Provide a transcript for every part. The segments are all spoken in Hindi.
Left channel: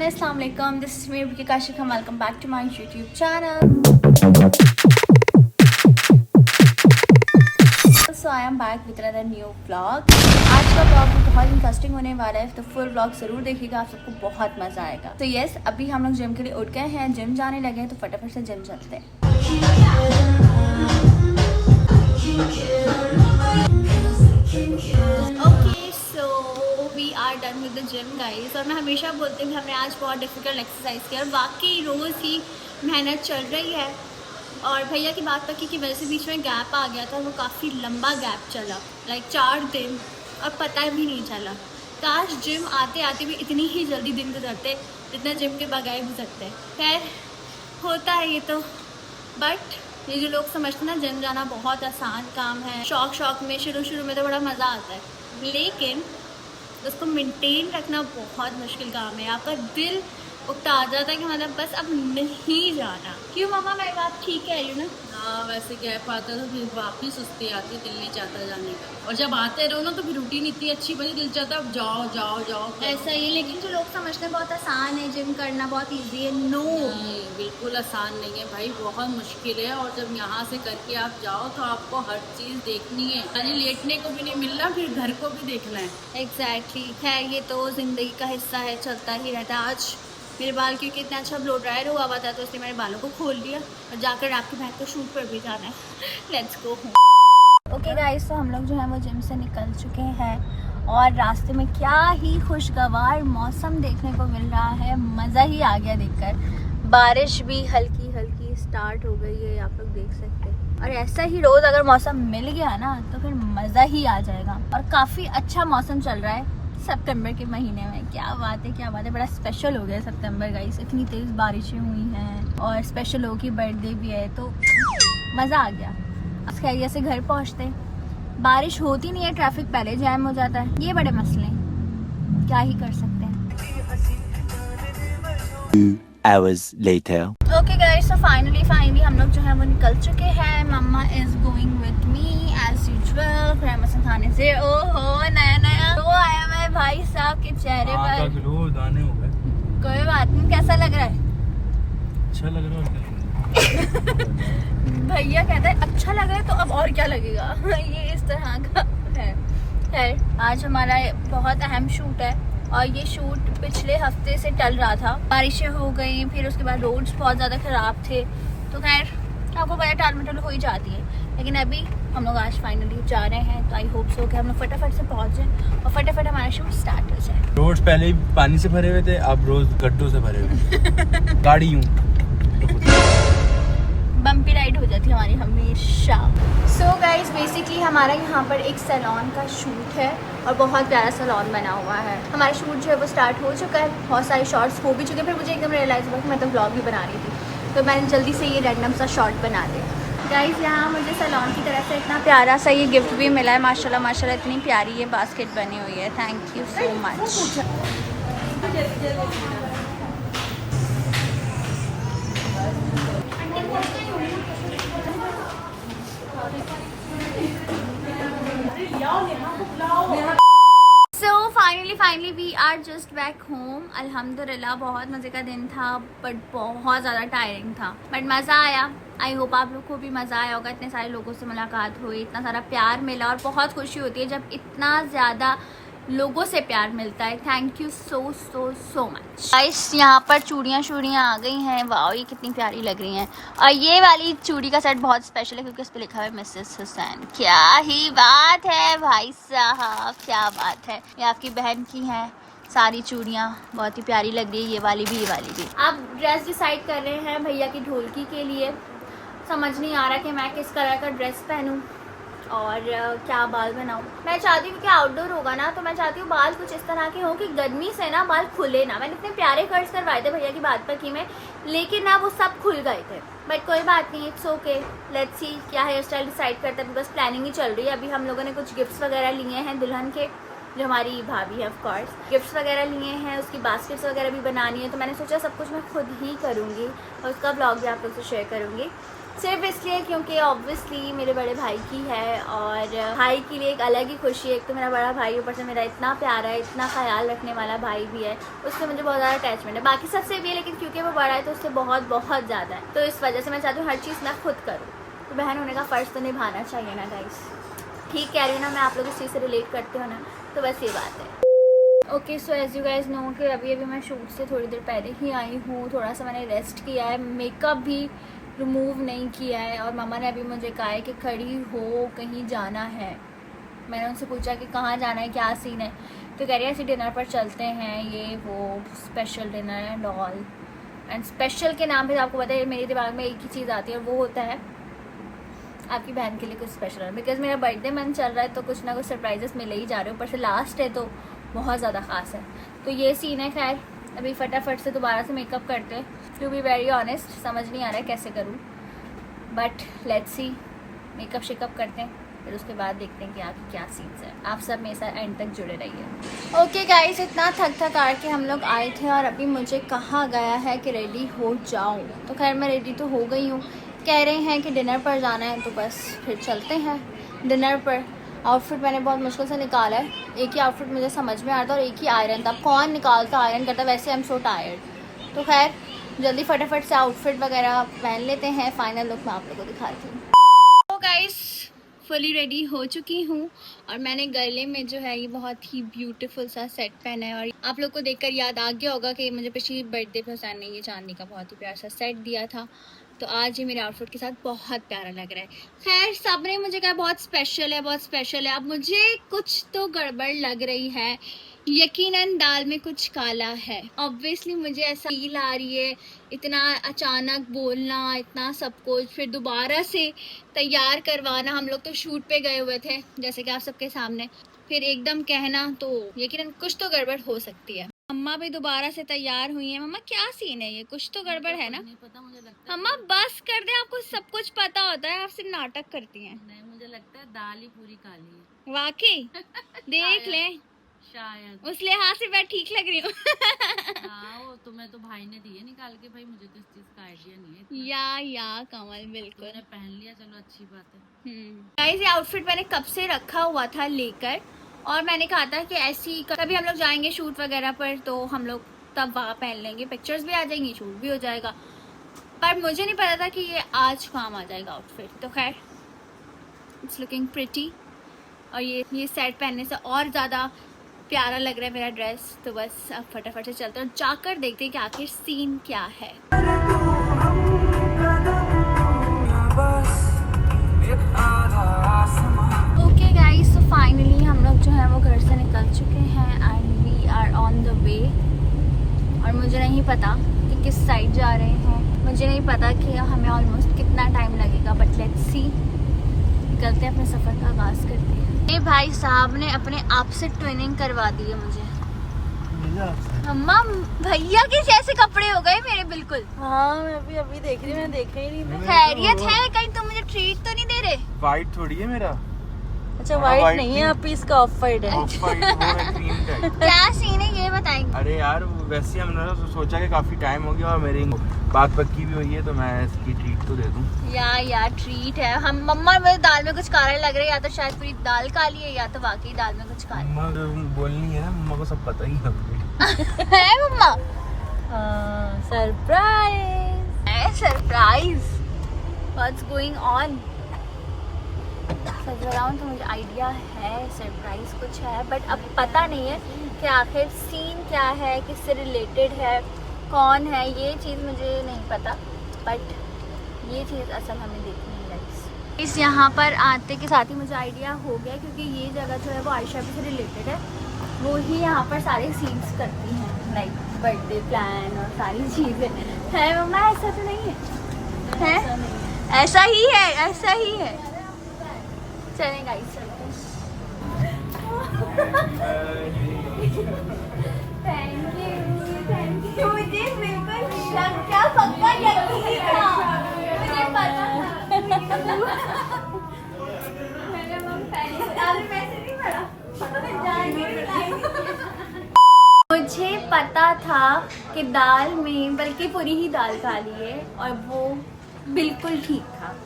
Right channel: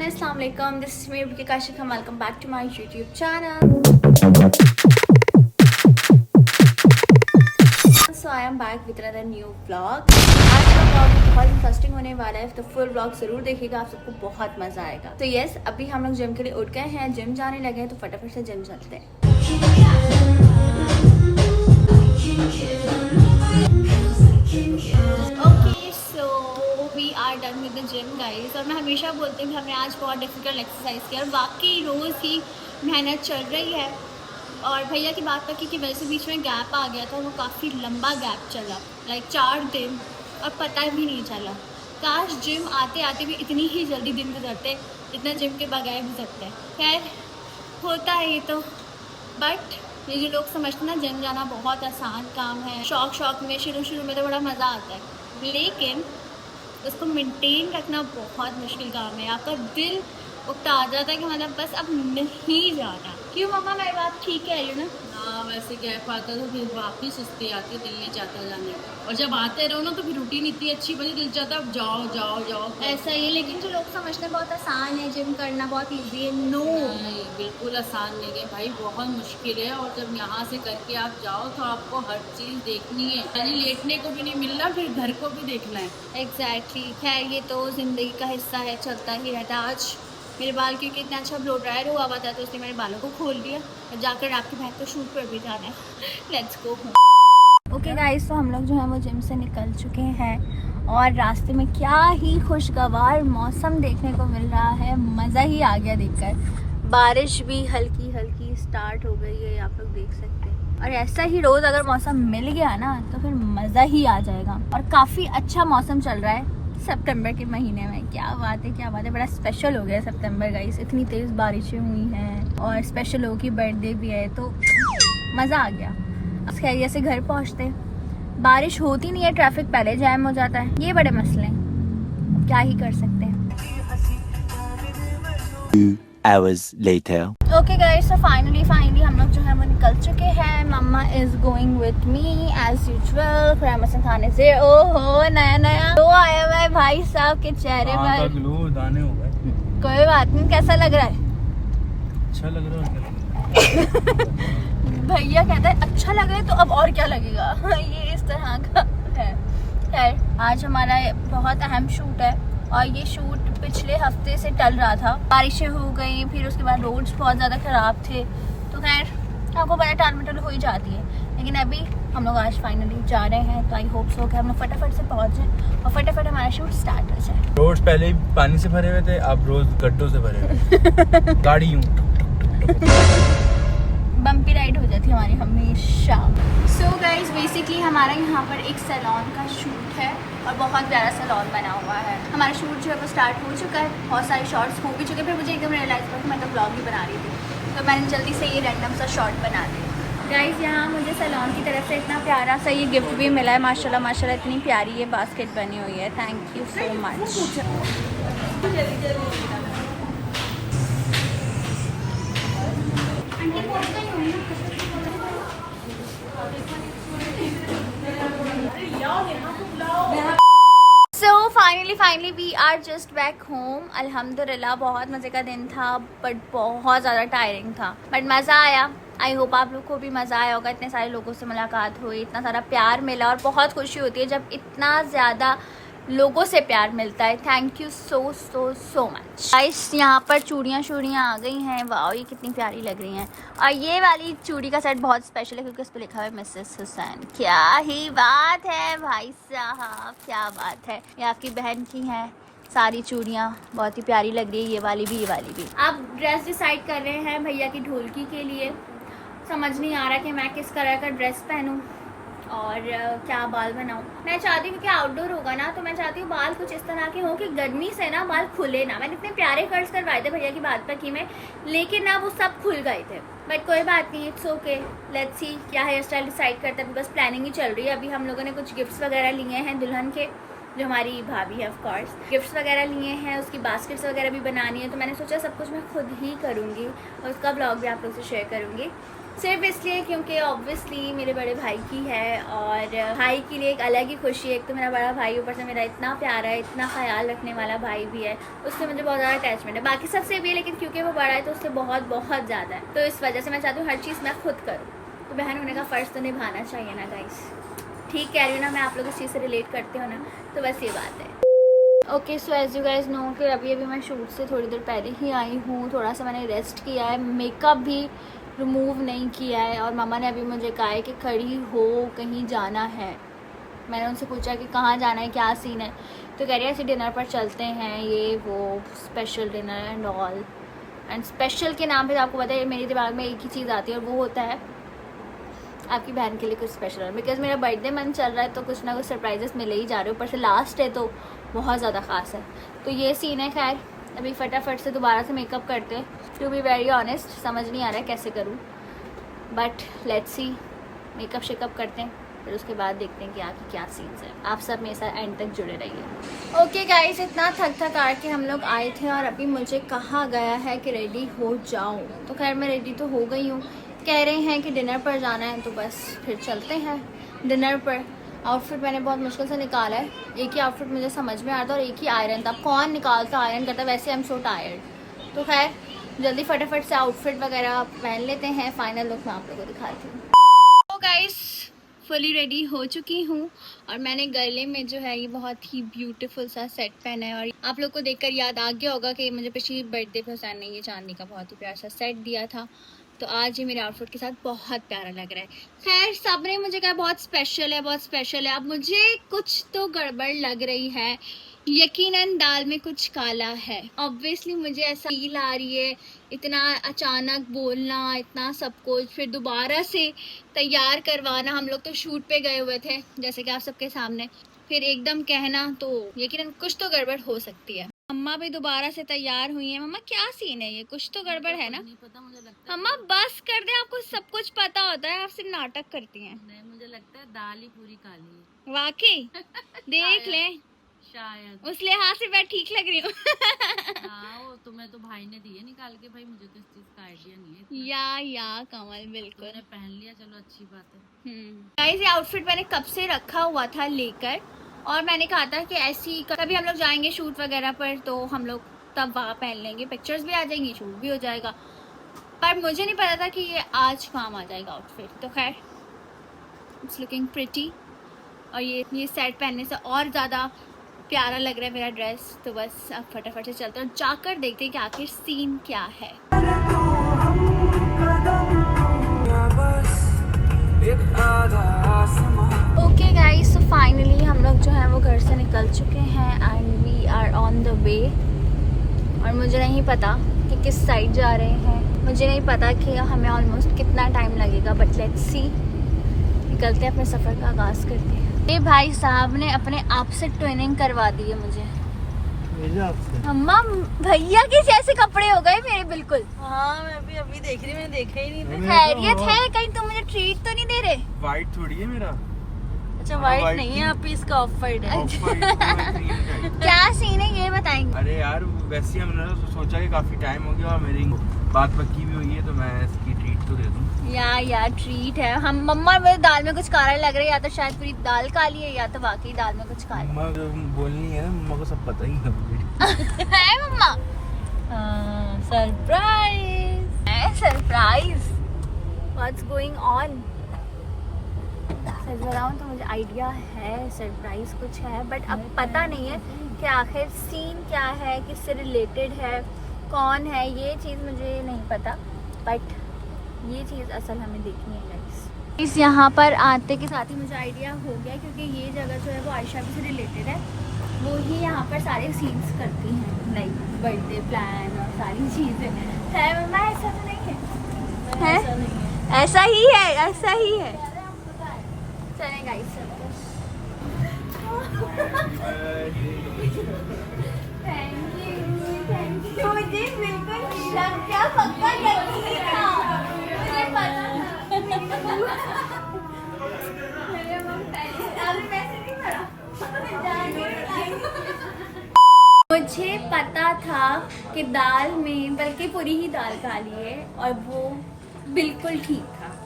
everyone, Assalamualaikum. This is me, Abhi Kashif. Welcome back to my YouTube channel. So I am back with another new vlog. आज का vlog बहुत इंटरेस्टिंग होने वाला है, तो फुल vlog जरूर देखिएगा, आप सबको बहुत मजा आएगा। तो यस, अभी हम लोग जिम के लिए उठ गए हैं, जिम जाने लगे हैं, तो फटाफट से जिम चलते हैं। Okay, so we are done with the gym guys. और मैं हमेशा बोलती हूँ कि हमने आज बहुत डिफिकल्ट एक्सरसाइज किया और वाकई रोज़ ही मेहनत चल रही है। और भैया की बात पक्की की वजह से बीच में गैप आ गया था, वो काफ़ी लंबा गैप चला, लाइक 4 दिन, और पता भी नहीं चला। काश जिम आते आते भी इतनी ही जल्दी दिन गुजरते जितना जिम के बगैर गुजरते। खैर होता है ये तो, बट ये जो लोग समझते ना जिम जाना बहुत आसान काम है, शौक में शुरू में तो बड़ा मज़ा आता है, लेकिन उसको मेंटेन रखना बहुत मुश्किल काम है। आपका दिल उकता आ जाता है कि मतलब बस अब नहीं जाना। क्यों मम्मा, मेरी बात ठीक है यू ना? हाँ, वैसे गैप आता तो फिर वापस सुस्ती आती, दिल नहीं चाहता जाने का। और जब आते रहो ना तो फिर रूटीन इतनी अच्छी बनी, दिल चाहता अब जाओ जाओ जाओ। ऐसा ही, लेकिन जो लोग समझते हैं बहुत आसान है जिम करना, बहुत इजी है, नो नहीं, बिल्कुल आसान नहीं है भाई, बहुत मुश्किल है। और जब यहाँ से करके आप जाओ तो आपको हर चीज देखनी है, यानी लेटने को भी नहीं मिलना, फिर घर को भी देखना है। एग्जैक्टली। खैर ये तो जिंदगी का हिस्सा है, चलता ही रहता है। आज मेरे बाल क्योंकि इतना अच्छा ब्लो ड्रायर हुआ हुआ था, तो उसने मेरे बालों को खोल दिया और जाकर आपकी बहन को शूट पर भी जाना है। Let's go home. Okay guys, तो हम लोग जो है वो जिम से निकल चुके हैं और रास्ते में क्या ही खुशगवार मौसम देखने को मिल रहा है, मज़ा ही आ गया देखकर। बारिश भी हल्की हल्की स्टार्ट हो गई है, आप लोग देख सकते हैं। और ऐसा ही रोज़ अगर मौसम मिल गया ना तो फिर मज़ा ही आ जाएगा। और काफ़ी अच्छा मौसम चल रहा है सितंबर के महीने में। क्या बात है, क्या बात है, बड़ा स्पेशल हो गया सितंबर गाइस। इतनी तेज़ बारिशें हुई हैं और स्पेशल लोगों की बर्थडे भी है, तो मज़ा आ गया। खैरिया से घर पहुंचते, बारिश होती नहीं है, ट्रैफिक पहले जैम हो जाता है, ये बड़े मसले हैं, क्या ही कर सकते हैं। 2 hours later. ओके गाइस, तो फाइनली हम लोग जो है वो निकल चुके हैं। Mama is going with me as usual फरमसन खाने से। ओहो, नया तो आया हुआ है भाई साहब के चेहरे पर, ग्लो दाने हो गए। कोई बात नहीं। कैसा लग रहा है? अच्छा लग रहा है। भैया कहता है अच्छा लग रहा है, तो अब और क्या लगेगा। ये इस तरह का है। आज हमारा बहुत अहम शूट है और ये शूट पिछले हफ्ते से टल रहा था, बारिशें हो गई, फिर उसके बाद रोड्स बहुत ज़्यादा ख़राब थे, तो खैर आपको पता टाल मटल हो ही जाती है। लेकिन अभी हम लोग आज फाइनली जा रहे हैं, तो आई होप सो कि हम लोग फटाफट से पहुँच जाए और फटाफट हमारा शूट स्टार्ट हो जाए। रोड्स पहले ही पानी से भरे हुए थे, अब रोज गड्ढों से भरे हुए। गाड़ी यूं बम्पी राइड हो जाती है हमारी हमेशा। सो गाइज, बेसिकली हमारा यहाँ पर एक सैलून का शूट है और बहुत प्यारा सैलून बना हुआ है। हमारा शूट जो है वो स्टार्ट हो चुका है, बहुत सारे शॉर्ट्स हो भी चुके, फिर मुझे एकदम रियलाइज हुआ कि मैं तो ब्लॉग भी बना रही थी, तो मैंने जल्दी से ये रैंडम सा शॉर्ट बना दिया। गाइज, यहाँ मुझे सैलून की तरफ से इतना प्यारा सा ये गिफ्ट भी मिला है, माशाल्लाह माशाल्लाह, इतनी प्यारी ये बास्केट बनी हुई है। Thank you so much. So finally we are just back home. अल्हम्दुलिल्लाह बहुत मज़े का दिन था, बट बहुत ज़्यादा टायरिंग था, बट मज़ा आया। आई होप आप लोग को भी मज़ा आया होगा। इतने सारे लोगों से मुलाकात हुई, इतना सारा प्यार मिला और बहुत खुशी होती है जब इतना ज़्यादा लोगों से प्यार मिलता है। Thank you so much guys. यहाँ पर चूड़ियाँ आ गई हैं, वाह ये कितनी प्यारी लग रही हैं। और ये वाली चूड़ी का सेट बहुत स्पेशल है क्योंकि उस पर लिखा हुआ है मिसेस हुसैन। क्या ही बात है भाई साहब, क्या बात है। ये आपकी बहन की हैं सारी चूड़ियाँ, बहुत ही प्यारी लग रही है, ये वाली भी। आप ड्रेस डिसाइड कर रहे हैं भैया की ढोलकी के लिए, समझ नहीं आ रहा कि मैं किस कलर का ड्रेस पहनूँ और क्या बाल बनाऊँ। मैं चाहती हूँ कि आउटडोर होगा ना, तो मैं चाहती हूँ बाल कुछ इस तरह के हो कि गर्मी से ना बाल खुले ना। मैंने इतने प्यारे कट्स करवाए थे भैया की बात पर की मैं, लेकिन ना वो सब खुल गए थे, बट कोई बात नहीं, इट्स ओके। लेट्स सी क्या हेयर स्टाइल डिसाइड करते हैं, बस प्लानिंग ही चल रही है। अभी हम लोगों ने कुछ गिफ्ट्स वगैरह लिए हैं दुल्हन के, जो हमारी भाभी है ऑफ कोर्स, गिफ्ट्स वगैरह लिए हैं, उसकी बास्केट्स वगैरह भी बनानी है, तो मैंने सोचा सब कुछ मैं खुद ही करूँगी और उसका ब्लॉग भी आप लोग से शेयर करूँगी। सिर्फ इसलिए क्योंकि ऑब्वियसली मेरे बड़े भाई की है और भाई के लिए एक अलग ही खुशी है। एक तो मेरा बड़ा भाई, ऊपर से मेरा इतना प्यारा है, इतना ख्याल रखने वाला भाई भी है, उससे मुझे बहुत ज़्यादा अटैचमेंट है। बाकी सबसे भी है, लेकिन क्योंकि वो बड़ा है तो उससे बहुत बहुत ज़्यादा है। तो इस वजह से मैं चाहती हूँ हर चीज़ मैं खुद करूँ। तो बहन होने का फ़र्ज़ तो निभाना चाहिए ना गाइस। ठीक कह रही हूँ ना मैं, आप लोग इस चीज़ से रिलेट करते हो ना, तो बस ये बात है। Okay, so as you guys know कि अभी मैं शूट से थोड़ी देर पहले ही आई हूँ। थोड़ा सा मैंने रेस्ट किया है, मेकअप भी रिमूव नहीं किया है और मामा ने अभी मुझे कहा है कि खड़ी हो, कहीं जाना है। मैंने उनसे पूछा कि कहाँ जाना है, क्या सीन है, तो कह रही है ऐसे डिनर पर चलते हैं, ये वो special dinner and all. And special के नाम पे आपको पता है मेरे दिमाग में एक ही चीज़ आती है और वो होता है आपकी बहन के लिए कुछ स्पेशल है। बिकॉज मेरा बर्थडे मंथ चल रहा है तो कुछ ना कुछ सरप्राइजेस मिले ही जा रहे हैं। ऊपर से लास्ट है तो बहुत ज़्यादा ख़ास है। तो ये सीन है। खैर अभी फटाफट से दोबारा से मेकअप करते हैं। टू बी वेरी ऑनेस्ट समझ नहीं आ रहा है कैसे करूँ, but let's see. Makeup shake up करते हैं, फिर उसके बाद देखते हैं कि आगे क्या सीन्स है। आप सब मेरे साथ एंड तक जुड़े रहिए। ओके गाइस, इतना थक के हम लोग आए थे और अभी मुझे कहा गया है कि रेडी हो जाओ। तो खैर मैं रेडी तो हो गई हूँ। कह रहे हैं कि डिनर पर जाना है, तो बस फिर चलते हैं डिनर पर। आउटफिट मैंने बहुत मुश्किल से निकाला है। एक ही आउटफिट मुझे समझ में आ रहा था और एक ही आयरन था। अब कौन निकालता आयरन करता, वैसे आई एम सो टायर्ड। तो खैर जल्दी फटाफट से आउटफिट वगैरह पहन लेते हैं। फाइनल लुक मैं आप लोगों को दिखाती हूँ। तो गाइस फुली रेडी हो चुकी हूँ और मैंने गले में जो है ये बहुत ही ब्यूटीफुल सा सेट पहना है। और आप लोग को देखकर याद आ गया होगा कि मुझे पिछली बर्थडे पे हुसैन ने ये चांदी का बहुत ही प्यारा सा सेट दिया था। तो आज ये मेरे आउटफिट के साथ बहुत प्यारा लग रहा है। खैर सबने मुझे कहा बहुत स्पेशल है, बहुत स्पेशल है। अब मुझे कुछ तो गड़बड़ लग रही है। यकीनन दाल में कुछ काला है। ऑब्वियसली मुझे ऐसा फील आ रही है। इतना अचानक बोलना, इतना सब कुछ, फिर दोबारा से तैयार करवाना। हम लोग तो शूट पे गए हुए थे जैसे कि आप सबके सामने, फिर एकदम कहना, तो यकीनन कुछ तो गड़बड़ हो सकती है। मम्मा भी दोबारा से तैयार हुई है। मम्मा क्या सीन है, ये कुछ तो गड़बड़ है ना? नहीं पता, मुझे लगता है मम्मा बस कर दे, आपको सब कुछ पता होता है, आप सिर्फ नाटक करती हैं। नहीं, मुझे लगता है दाल ही पूरी काली है। वाकई देख ले, शायद उस लिहाज से मैं ठीक लग रही हूँ। हाँ, वो तुम्हें तो भाई ने दिए निकाल के। भाई मुझे तो इस चीज का आइडिया नहीं है इतना। या कमल बिल्कुल तुमने पहन लिया, चलो अच्छी बात है। गाइस ये आउटफिट मैंने कब से रखा हुआ था लेकर, और मैंने कहा था कि ऐसी कभी हम लोग जाएंगे शूट वगैरह पर तो हम लोग तब वहाँ पहन लेंगे, पिक्चर्स भी आ जाएंगी, शूट भी हो जाएगा। पर मुझे नहीं पता था कि ये आज काम आ जाएगा आउटफिट। तो खैर इट्स लुकिंग प्रिटी और ये सेट पहनने से और ज़्यादा प्यारा लग रहा है मेरा ड्रेस। तो बस अब फटाफट से चलते हैं और जाकर देखते हैं कि आखिर सीन क्या है। ओके गाइस, सो फाइनली हम लोग जो है वो घर से निकल चुके हैं and we are on the way. और मुझे नहीं पता कि किस साइड जा रहे हैं, मुझे नहीं पता कि हमें ऑलमोस्ट कितना टाइम लगेगा, बट लेट्स सी। निकलते हैं, अपने सफ़र का आगाज़ करते हैं। ये भाई साहब ने अपने आप से ट्रेनिंग करवा दी है मुझे। अम्मा भैया के जैसे कपड़े हो गए मेरे बिल्कुल। हाँ, मैं भी अभी देख रही, मैंने देखा ही नहीं था। खैरियत है? कहीं तुम मुझे ट्रीट तो नहीं दे रहे? वाइट थोड़ी है मेरा। अच्छा वाइट नहीं है, आप इसका ऑफ वाइट है। क्या सीन है ये बताएंगे? अरे यार वैसे ही हमने तो सोचा कि काफी टाइम हो गया और मेरी बात पक्की भी हुई है तो मैं इसकी ट्रीट तो दे दूं। यार ट्रीट है। हम मम्मा मुझे दाल में कुछ काला लग रहा है, या तो शायद पूरी दाल काली है या तो बाकी दाल में कुछ काला मम्मा तो बोलनी है, मम्मा को सब पता ही है। है मम्मा? हाँ, surprise. Surprise what's going on? सच बताऊं तो मुझे आइडिया है सरप्राइज कुछ है, बट अब पता नहीं है कि आखिर सीन क्या है, किससे रिलेटेड है, कौन है, ये चीज़ मुझे नहीं पता। बट ये चीज़ असल हमें देखनी है गाइस। इस यहाँ पर आते के साथ ही मुझे आइडिया हो गया, क्योंकि ये जगह जो है वो आयशा भी से रिलेटेड है। वो ही यहाँ पर सारे सीन्स करती हैं, लाइक बर्थडे प्लान और सारी चीज़ें। है मम्मा? ऐसा तो नहीं है? ऐसा ही है, ऐसा ही है। चलें गाइस चलते हैं। Thank you. मुझे बिल्कुल शक क्या पक्का यकीन था, मुझे पता था। मेरे मन पहले अभी वैसे नहीं पड़ा। मुझे पता था कि दाल में, बल्कि पूरी ही दाल काली है और वो बिल्कुल ठीक था।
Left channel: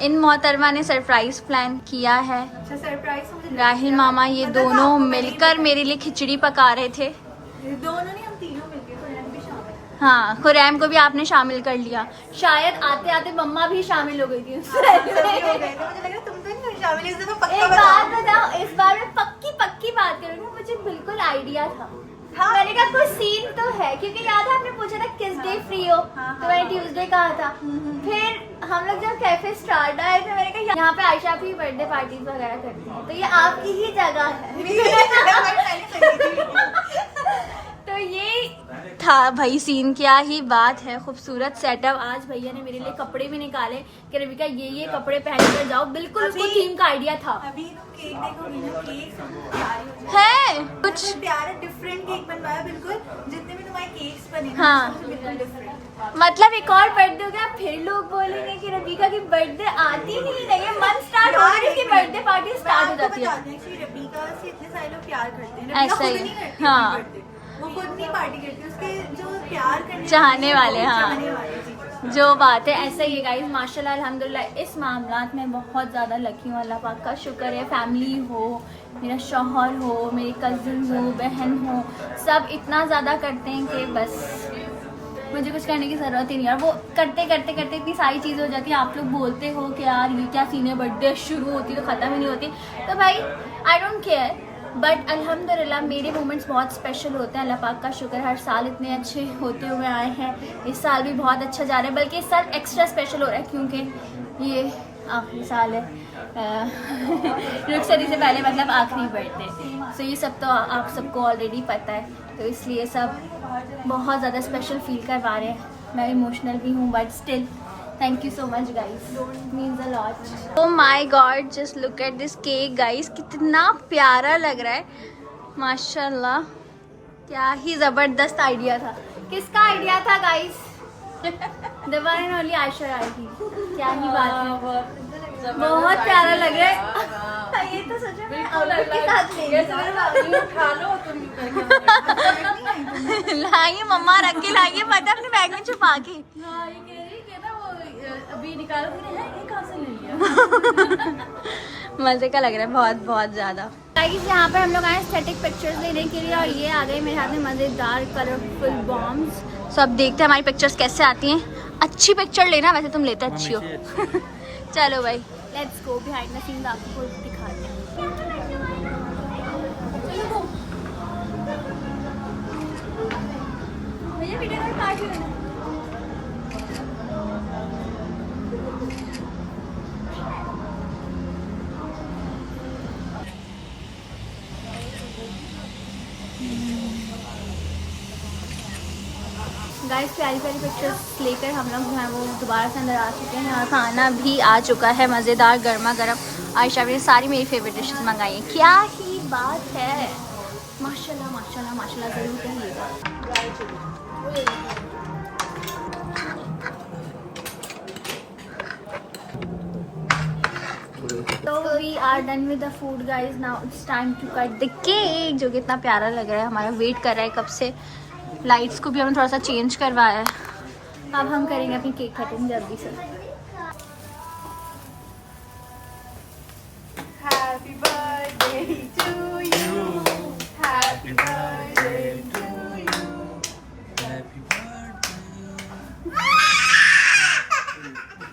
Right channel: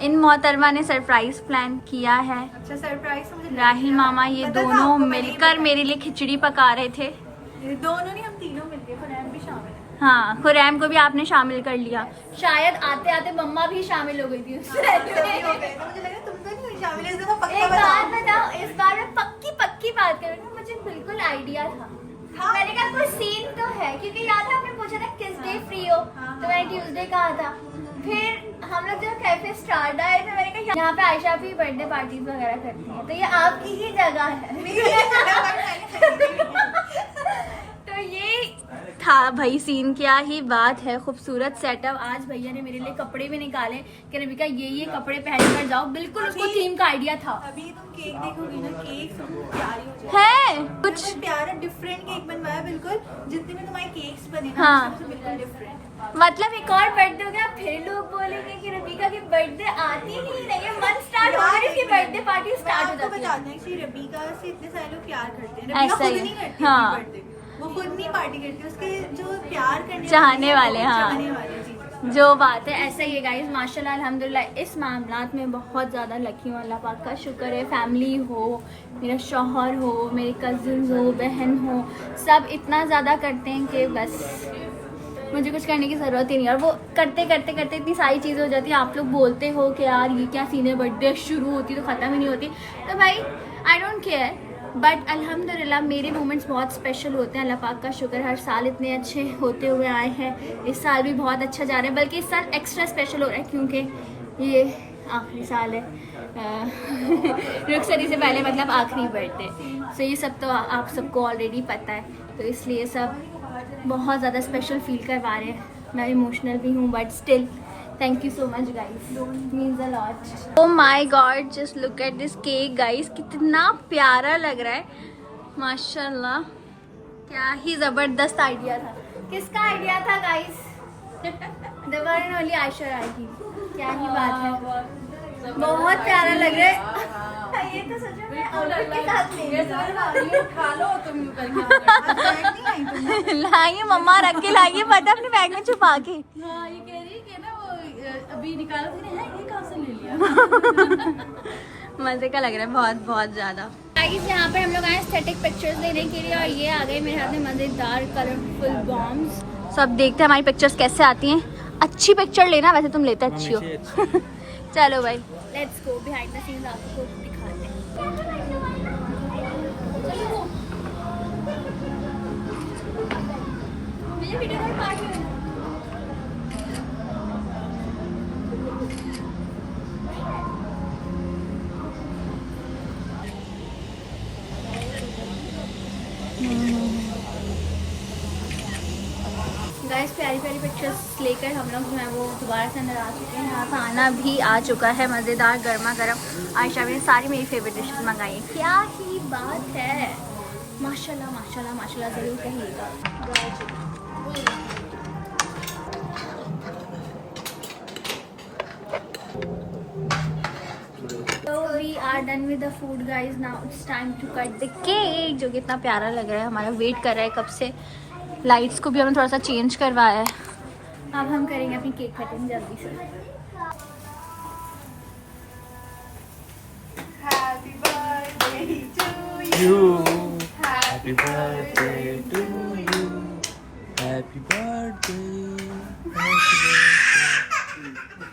इन मोहतरमा ने सरप्राइज प्लान किया है। अच्छा सरप्राइज मुझे राहिल मामा ये पता था दोनों आपको मिलकर मेरे लिए खिचड़ी पका रहे थे। दोनों नहीं, हम तीनों मिलके खुरैम भी शामिल है। हाँ, खुरैम को भी आपने शामिल कर लिया। शायद आते आते मम्मा भी शामिल हो गई थी उसमें। मुझे लगा तुम तो नहीं शामिल, इस दफा पक्का एक बताओ। बात बताओ, इस बार मैं पक्की बात करूँ, मुझे बिल्कुल आइडिया था। हाँ। मैंने कहा कोई सीन तो है, क्योंकि याद है आपने पूछा था किस डे फ्री हो, तो मैंने ट्यूसडे कहा था। फिर हम लोग जब कैफे स्टार्ट आए थे, मैंने कहा यहाँ पे आयशा भी बर्थडे पार्टीज वगैरह करती है, तो ये आपकी ही जगह है। तो ये था भाई सीन, क्या ही बात है, खूबसूरत सेटअप। आज भैया ने मेरे लिए कपड़े भी निकाले कि रविका ये कपड़े पहन कर जाओ, बिल्कुल उसको थीम का आइडिया था। अभी तुम केक देखोगी ना, केक प्यारी हो जाएगी। है कुछ मतलब प्यारा डिफरेंट केक बनवाया बिल्कुल, जितने भी तुम्हारे केक्स बने ना, हाँ। सबसे बिल्कुल डिफरेंट। मतलब एक और बर्थडे हो गया, फिर लोग बोलेंगे कि रविका की बर्थडे आती ही नहीं है, मंथ स्टार्ट हो गई, उसकी बर्थडे पार्टी स्टार्ट हो जाती है। बताना है कि रबीका से इतने सारे लोग प्यार करते हैं, ऐसा रबीका ही खुद है, नहीं करती हाँ। अपनी birthday। वो खुद नहीं पार्टी करती, उसके जो प्यार करने चाहने वाले, हाँ। चाहने वाले, जी। जो बात है ऐसा ही है गाइस, माशाल्लाह अल्हम्दुलिल्लाह इस मामलात में बहुत ज़्यादा लकी हूँ। अल्लाह पाक का शुक्र है, फैमिली हो, मेरा शौहर हो, मेरे कज़िन हो, बहन हो, सब इतना ज़्यादा करते हैं कि बस मुझे कुछ करने की ज़रूरत ही नहीं है। और वो करते करते करते इतनी सारी चीज़ें हो जाती हैं। आप लोग बोलते हो कि यार ये क्या सीन है, बर्थडे शुरू होती तो ख़त्म ही नहीं होती, तो भाई आई डोंट केयर। बट अल्हम्दुलिल्लाह मेरे मोमेंट्स बहुत स्पेशल होते हैं। अल्लाह पाक का शुक्र, हर साल इतने अच्छे होते हुए आए हैं। इस साल भी बहुत अच्छा जा रहा है, बल्कि इस साल एक्स्ट्रा स्पेशल हो रहा है क्योंकि ये आखिरी साल है रुखसती से पहले, मतलब आखिरी बर्थडे। सो ये सब तो आप सबको ऑलरेडी पता है, तो इसलिए सब बहुत ज़्यादा स्पेशल फील करवा रहे हैं। मैं इमोशनल भी हूँ, but still thank you so much guys, means a lot. Oh my God, just look at this cake guys, कितना प्यारा लग रहा है माशाल्लाह। क्या ही ज़बरदस्त आइडिया था। किसका आइडिया था guys? The one and only Ayesha Rai की। क्या ही बात है, बहुत प्यारा लग रहा है। ये तो सोचो मैं आउटफिट के साथ ले खा लो तुम यूं करके। लाइए मम्मा, रख के लाइए, पता अपने बैग में छुपा के। हाँ, ये कह रही है ना वो अभी निकालो, फिर है ये कहाँ से ले लिया। मजे का लग रहा है बहुत बहुत ज्यादा। गाइस यहाँ पर हम लोग आए स्टैटिक पिक्चर्स लेने के लिए, और ये आ गए मेरे हाथ में मजेदार कलरफुल बॉम्ब्स। सब देखते हैं हमारी पिक्चर्स कैसे आती हैं। अच्छी पिक्चर लेना, वैसे तुम लेते अच्छी हो। चलो भाई let's go behind the scenes, आपको दिखाते हैं। मुझे वीडियो कॉल पास ही होना। गाइस प्यारी प्यारी पिक्चर्स लेकर हम लोग जो है वो दोबारा से अंदर आ चुके हैं। और खाना भी आ चुका है मज़ेदार गर्मा गर्म। आयशा ने सारी मेरी फेवरेट डिशेस मंगाई हैं। क्या ही बात है, माशाल्लाह माशाल्लाह माशाल्लाह, ज़रूर कहिएगा। तो we are done with the food guys, now it's time to cut the cake, जो कि इतना प्यारा लग रहा है। हमारा वेट कर रहा है कब से। लाइट्स को भी हमने थोड़ा सा चेंज करवाया है। अब हम करेंगे अपनी केक कटिंग जल्दी से। Happy birthday to you, happy birthday to you, happy birthday.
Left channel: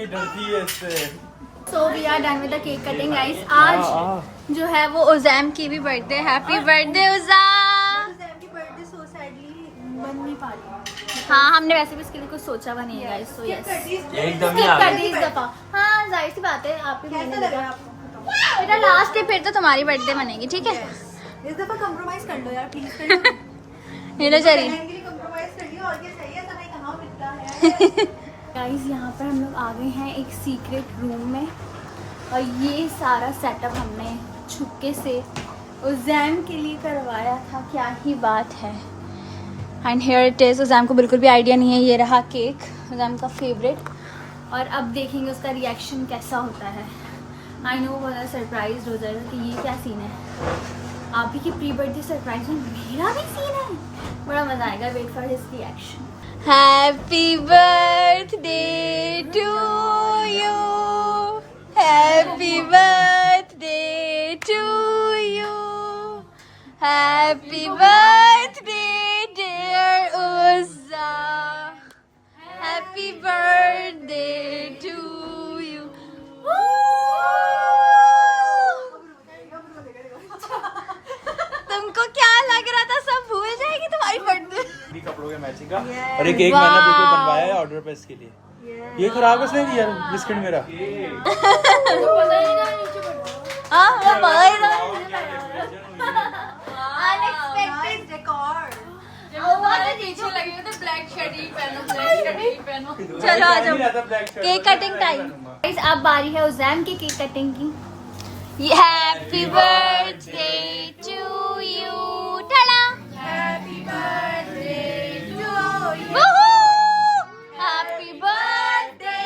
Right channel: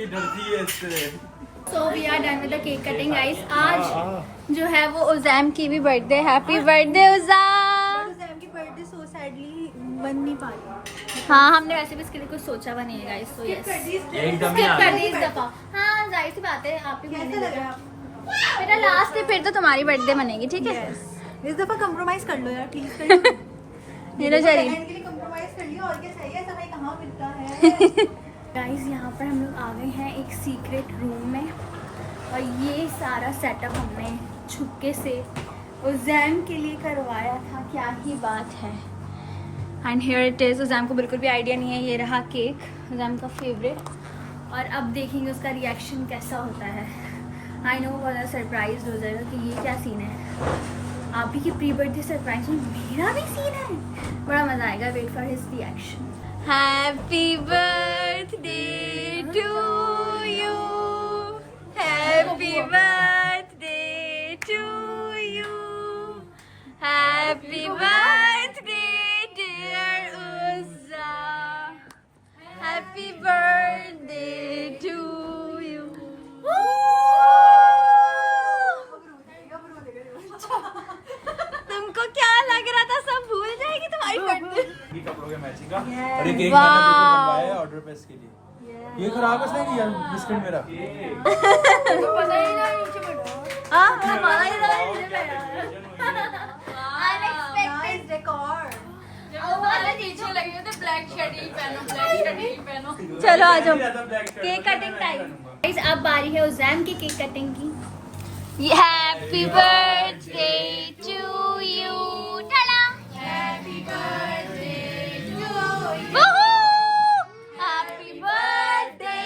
ये डरती है इससे। So we are done with the cake cutting guys. आज जो है वो उज़ैम की भी birthday. Happy birthday Uzaim. Sam की बर्थडे सो सैडली बन नहीं पा रही। हाँ, हमने वैसे भी इसके लिए कुछ सोचा हुआ नहीं है गाइस, सो यस एकदम ही स्किप आ कर गई। दी इस दफा। हाँ जाहिर सी बात है, आप ही कैसे महीने लगा लगा आपको? बेटा लास्ट ही, फिर तो तुम्हारी बर्थडे मनेगी, ठीक है। इस दफा कंप्रोमाइज कर लो यार, प्लीज कर लो। ये लो जरी कंप्रोमाइज कर लियो, और क्या चाहिए, ऐसा नहीं कहाँ मिलता है। गाइस यहाँ पर हम लोग आ गए हैं एक सीक्रेट रूम में, और ये सारा सेटअप हमने छुपके से उज़ैम के लिए करवाया था। क्या ही बात है। And here it is. Uzaim को बिल्कुल भी आइडिया नहीं है। ये रहा केक, उज़ैम का फेवरेट, और अब देखेंगे उसका रिएक्शन कैसा होता है। आई नो बहुत सरप्राइज हो जाएगा कि ये क्या सीन है। आप ही की प्री बर्थडे सरप्राइज में मेरा भी सीन है, बड़ा मज़ा आएगा। Wait for his reaction. Happy birthday to Happy birthday, dear Uzza. Happy birthday to you. तुमको क्या लग रहा था, सब भूल जाएगी तुम्हारी बर्थडे? कपड़ों के मैचिंग का और एक केक मैंने बिल्कुल बनवाया है ऑर्डर पे इसके लिए। ये खराब है नहीं यार बिस्किट मेरा। हाँ वो अनएक्सपेक्टेड डेकोर। चलो आ जाओ, केक कटिंग टाइम। अब बारी है उज़ैम की केक कटिंग की। Happy birthday to you. Tada. Happy birthday to you. Happy birthday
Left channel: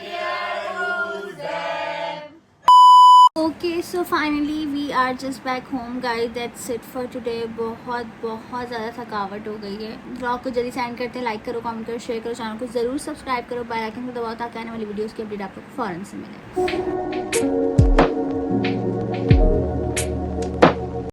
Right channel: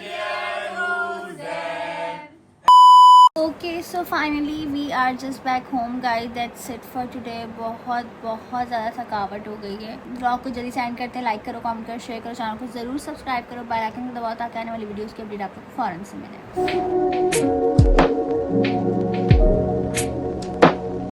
dear Uzaim. Okay so finally we are just back home guys, that's it for today. बहुत ज़्यादा थकावट हो गई है। ब्लॉग को जल्दी सेंड करते हैं, लाइक करो, कमेंट करो, शेयर करो, चैनल को ज़रूर सब्सक्राइब करो, बेल आइकन को दबाओ ताकि आने वाली वीडियोस की अपडेट आप लोग को फौरन से मिले।